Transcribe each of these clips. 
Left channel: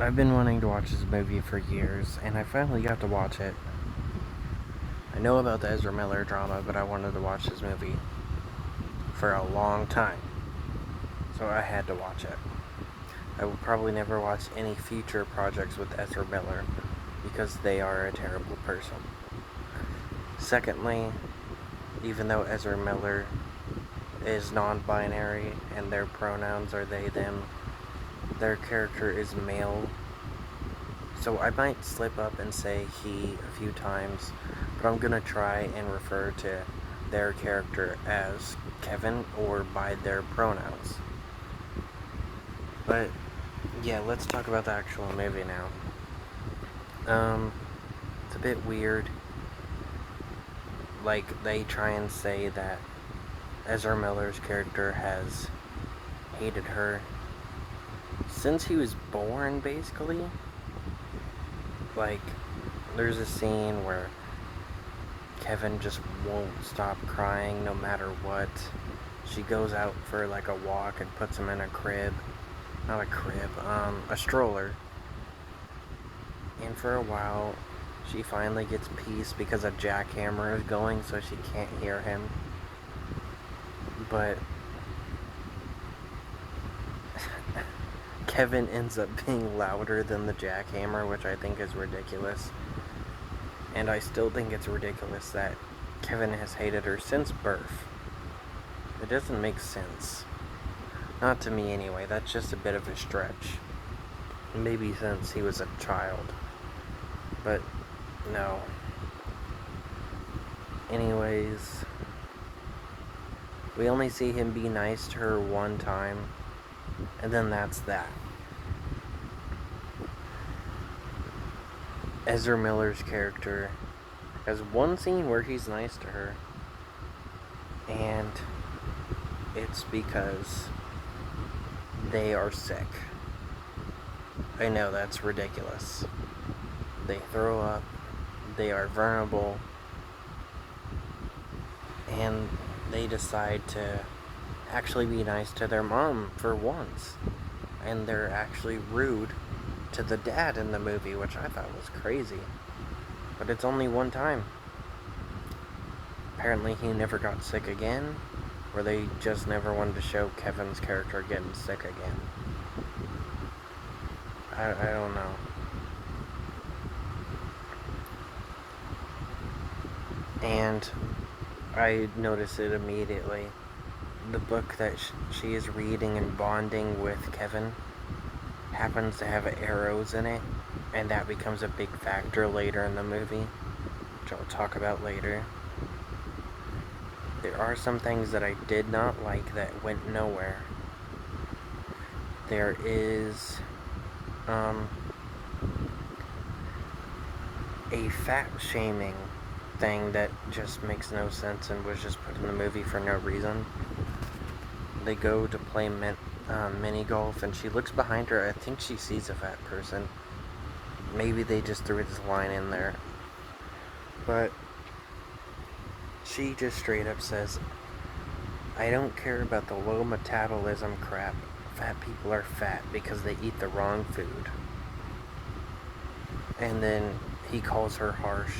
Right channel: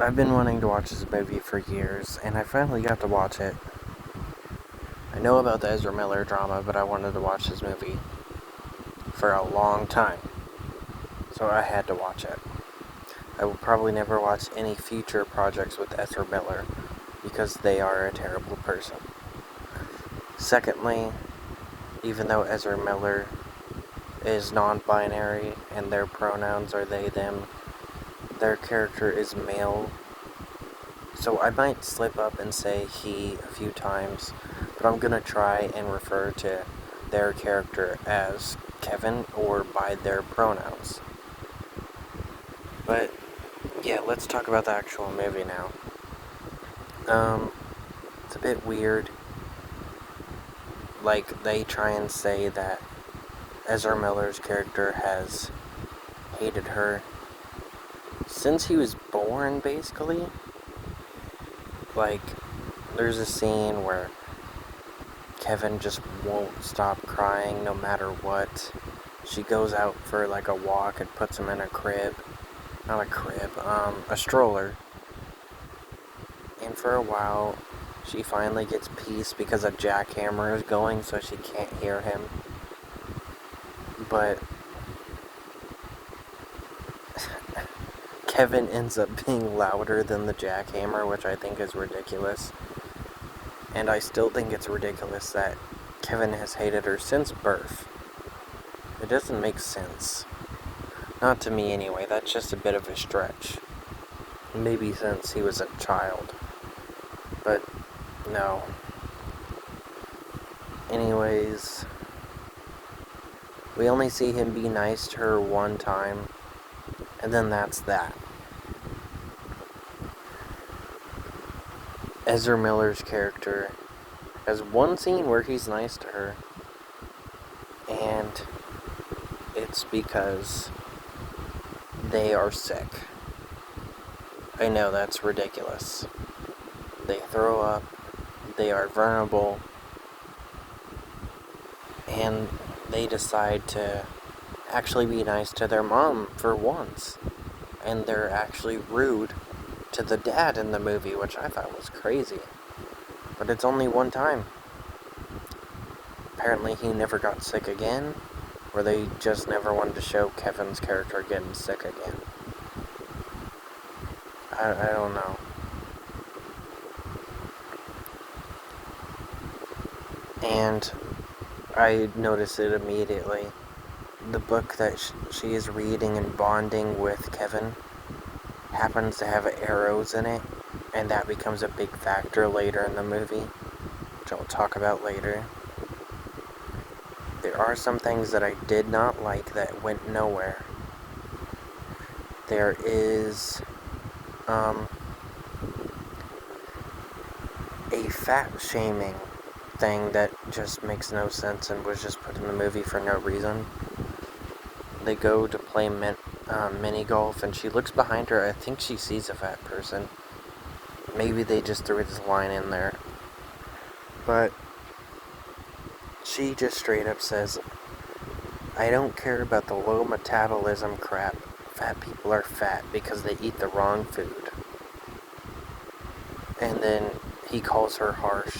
I've been wanting to watch this movie for years, and I finally got to watch it. I know about the Ezra Miller drama, but I wanted to watch this movie for a long time, so I had to watch it. I will probably never watch any future projects with Ezra Miller because they are a terrible person. Secondly, even though Ezra Miller is non binary and their pronouns are they, them, their character is male. So I might slip up and say he a few times, but I'm gonna try and refer to their character as Kevin or by their pronouns. But yeah, let's talk about the actual movie now. It's a bit weird. Like, they try and say that Ezra Miller's character has hated her since he was born, basically. Like, there's a scene where Kevin just won't stop crying no matter what. She goes out for like a walk and puts him in a crib. Not a crib, a stroller. And for a while, she finally gets peace because a jackhammer is going so she can't hear him. But Kevin ends up being louder than the jackhammer, which I think is ridiculous. And I still think it's ridiculous that Kevin has hated her since birth. It doesn't make sense. Not to me anyway, that's just a bit of a stretch. Maybe since he was a child. But no. Anyways, we only see him be nice to her one time, and then that's that. Ezra Miller's character has one scene where he's nice to her, and it's because they are sick. I know that's ridiculous. They throw up, they are vulnerable, and they decide to actually be nice to their mom for once. And they're actually rude to the dad in the movie, which I thought was crazy. But it's only one time. Apparently he never got sick again, or they just never wanted to show Kevin's character getting sick again. I don't know. And I noticed it immediately. The book that she is reading and bonding with Kevin happens to have arrows in it, and that becomes a big factor later in the movie, which I'll talk about later. There are some things that I did not like that went nowhere. There is a fat shaming thing that just makes no sense and was just put in the movie for no reason. They go to play mini golf, and she looks behind her. I think she sees a fat person. Maybe they just threw this line in there. But she just straight up says, I don't care about the low metabolism crap. Fat people are fat because they eat the wrong food. And then he calls her harsh.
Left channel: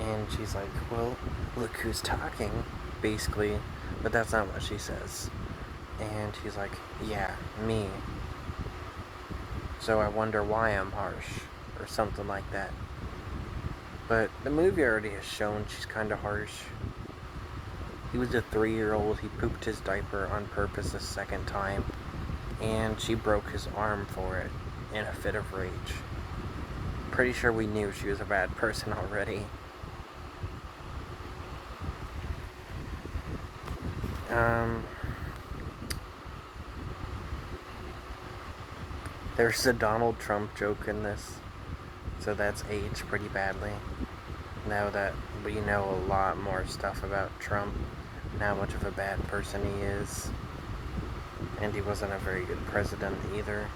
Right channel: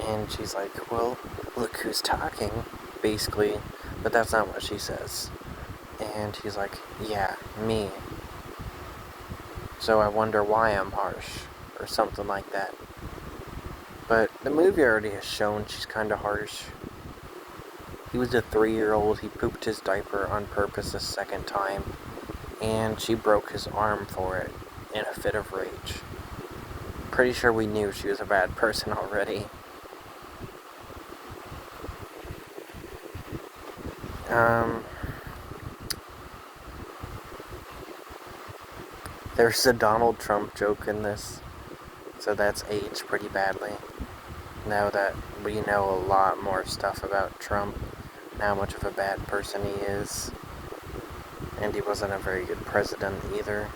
And she's like, well, look who's talking, basically. But that's not what she says. And he's like, yeah, me. So I wonder why I'm harsh, or something like that. But the movie already has shown she's kind of harsh. He was a 3-year-old, he pooped his diaper on purpose a second time, and she broke his arm for it in a fit of rage. Pretty sure we knew she was a bad person already. There's a Donald Trump joke in this, so that's aged pretty badly. Now that we know a lot more stuff about Trump and how much of a bad person he is, and he wasn't a very good president either.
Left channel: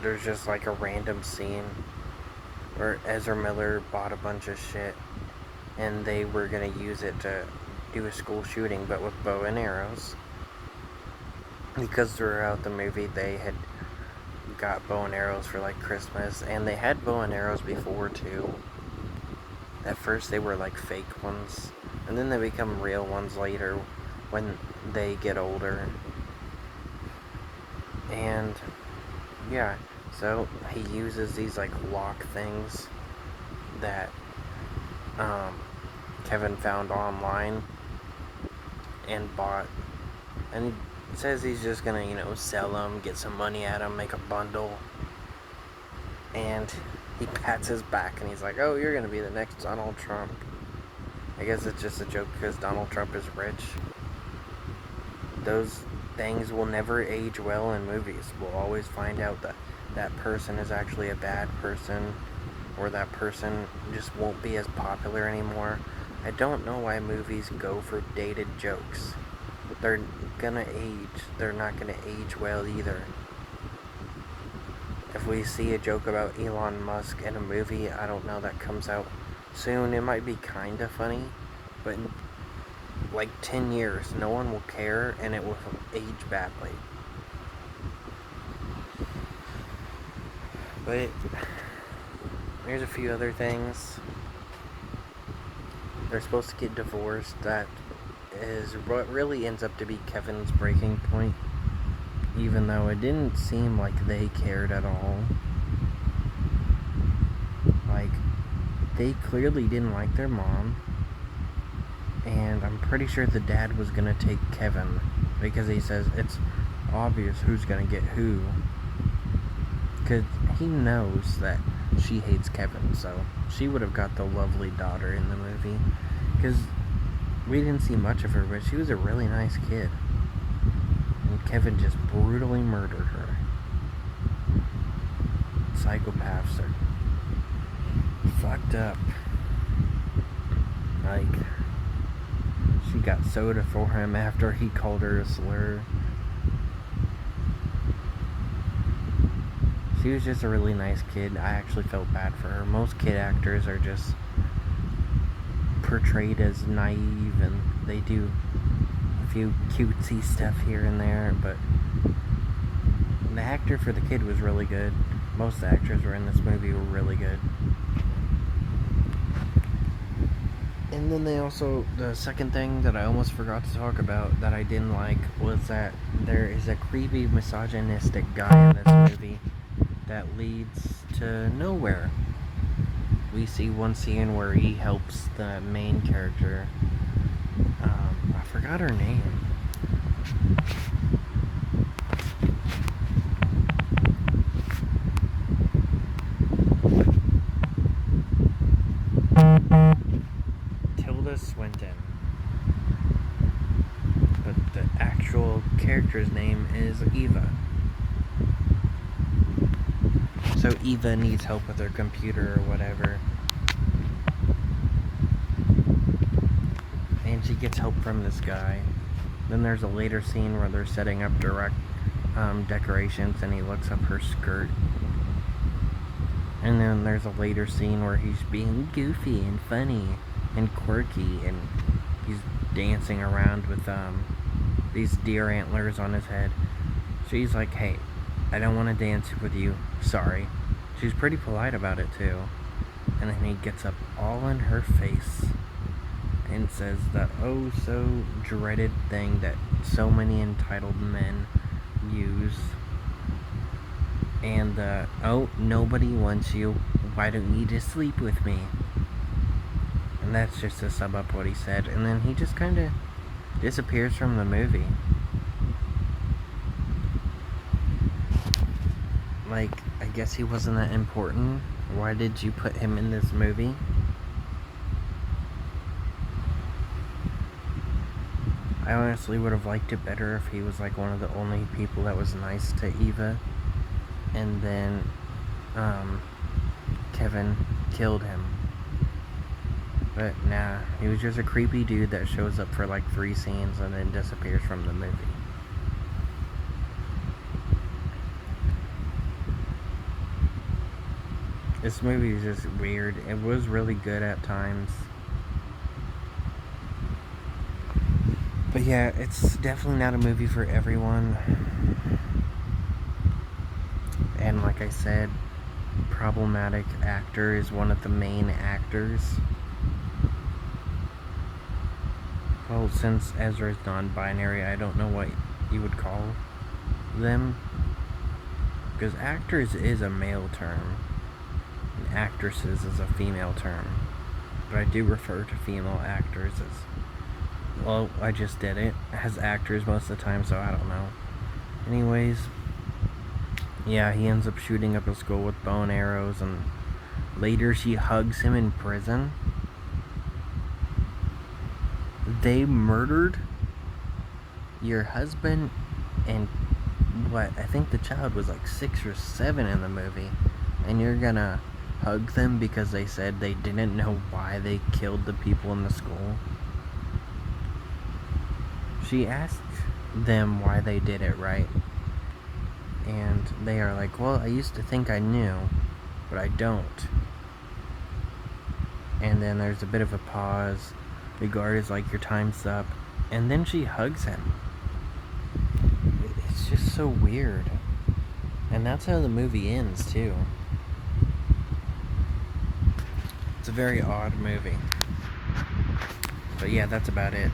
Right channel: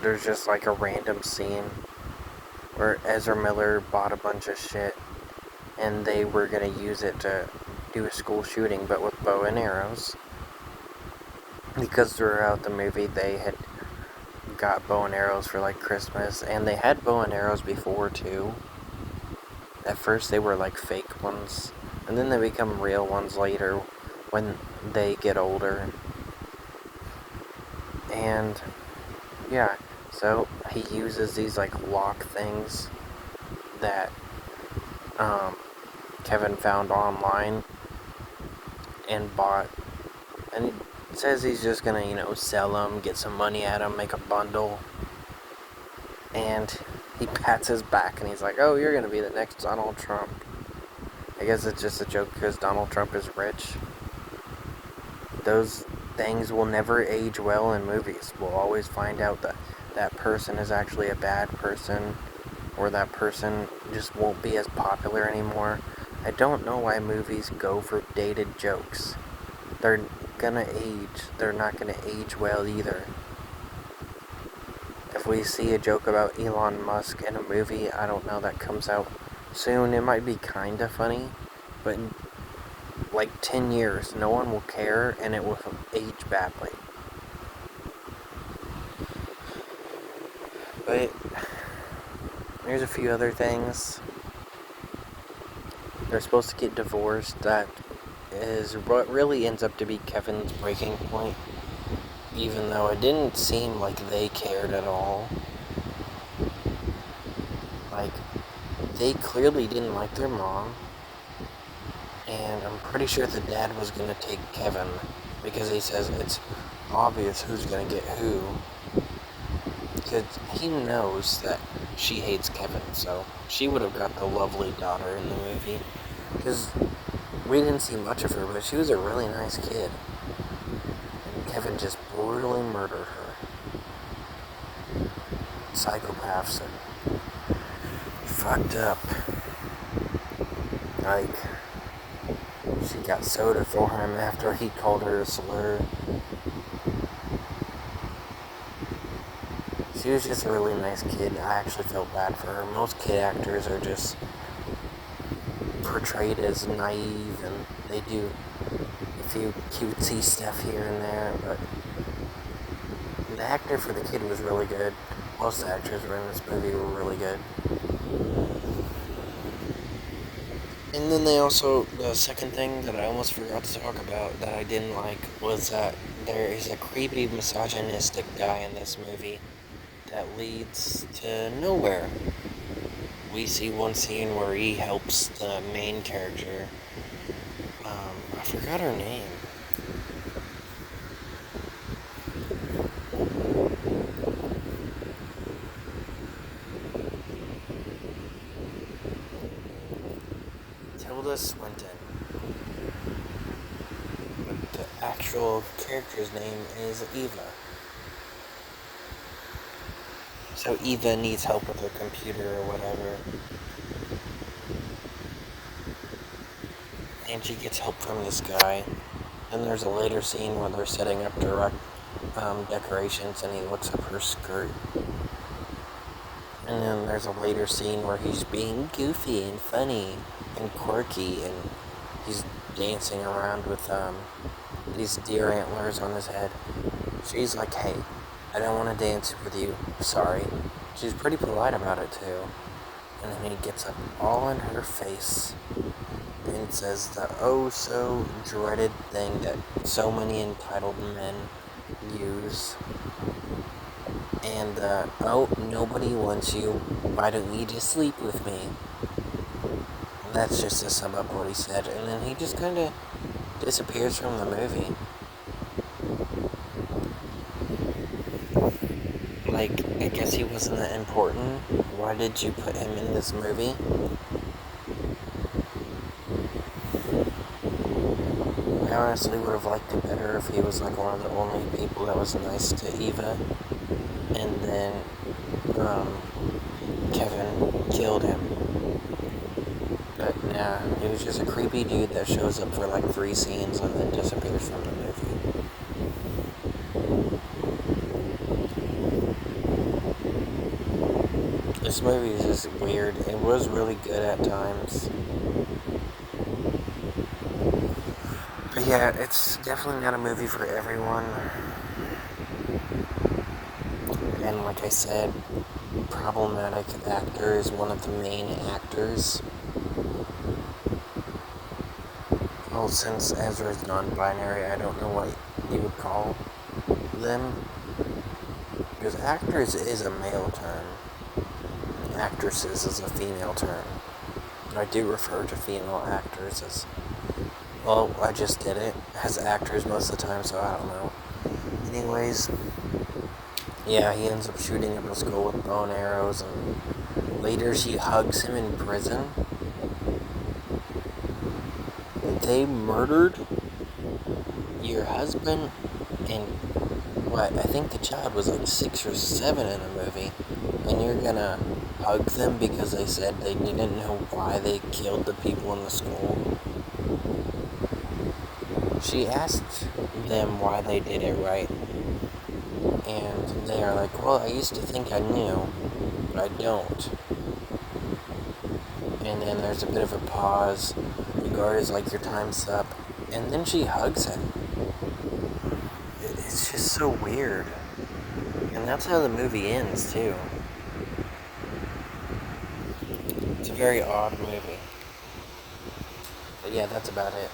There's just like a random scene where Ezra Miller bought a bunch of shit and they were gonna use it to do a school shooting, but with bow and arrows. because throughout the movie they had got bow and arrows for like Christmas, and they had bow and arrows before too. At first they were like fake ones, and then they become real ones later when they get older. And yeah, so he uses these like lock things that Kevin found online and bought, and he says he's just gonna, sell them, get some money at them, make a bundle. And he pats his back and he's like, "Oh, you're gonna be the next Donald Trump." I guess it's just a joke because Donald Trump is rich. Those things will never age well in movies. We'll always find out that that person is actually a bad person, or that person just won't be as popular anymore. I don't know why movies go for dated jokes. They're gonna age. They're not gonna age well either. If we see a joke about Elon Musk in a movie, I don't know, that comes out soon, it might be kind of funny, but in like 10 years, no one will care and it will age badly. But there's a few other things. They're supposed to get divorced. That is what really ends up to be Kevin's breaking point, even though it didn't seem like they cared at all. Like, they clearly didn't like their mom, and I'm pretty sure the dad was gonna take Kevin, because he says it's obvious who's gonna get who, because he knows that she hates Kevin, so she would have got the lovely daughter in the movie, because we didn't see much of her, but she was a really nice kid, and Kevin just brutally murdered her. Psychopaths are fucked up. Like, she got soda for him after he called her a slur. She was just a really nice kid. I actually felt bad for her. Most kid actors are just portrayed as naive, and they do a few cutesy stuff here and there, but the actor for the kid was really good. Most actors were in this movie were really good. And then the second thing that I almost forgot to talk about that I didn't like was that there is a creepy misogynistic guy in this movie that leads to nowhere. We see one scene where he helps the main character. I forgot her name. Tilda Swinton. But the actual character's name is Eva. So Eva needs help with her computer or whatever. And she gets help from this guy. Then there's a later scene where they're setting up decorations, and he looks up her skirt. And then there's a later scene where he's being goofy and funny and quirky, and he's dancing around with these deer antlers on his head. She's like, "Hey, I don't want to dance with you. Sorry." She's pretty polite about it too. And then he gets up all in her face and says the oh so dreaded thing that so many entitled men use. And oh, nobody wants you. Why don't you just sleep with me? And that's just to sum up what he said. And then he just kind of disappears from the movie. Like, I guess he wasn't that important. Why did you put him in this movie? I honestly would have liked it better if he was like one of the only people that was nice to Eva, and then Kevin killed him. But nah, he was just a creepy dude that shows up for like 3 scenes and then disappears from the movie. This movie is just weird. It was really good at times. But yeah, it's definitely not a movie for everyone. And like I said, problematic actor is one of the main actors. Well, since Ezra is non-binary, I don't know what you would call them. Because actors is a male term. Actresses is a female term. But I do refer to female actors as... Well, I just did it as actors most of the time, so I don't know. Anyways, yeah, he ends up shooting up a school with bow and arrows, and later she hugs him in prison. They murdered your husband and what? I think the child was like 6 or 7 in the movie, and you're gonna hug them because they said they didn't know why they killed the people in the school? She asked them why they did it, right? And they are like, well, I used to think I knew, but I don't. And then there's a bit of a pause. The guard is like, your time's up. And then she hugs him. It's just so weird. And that's how the movie ends, too. It's a very odd movie. But yeah, that's about it.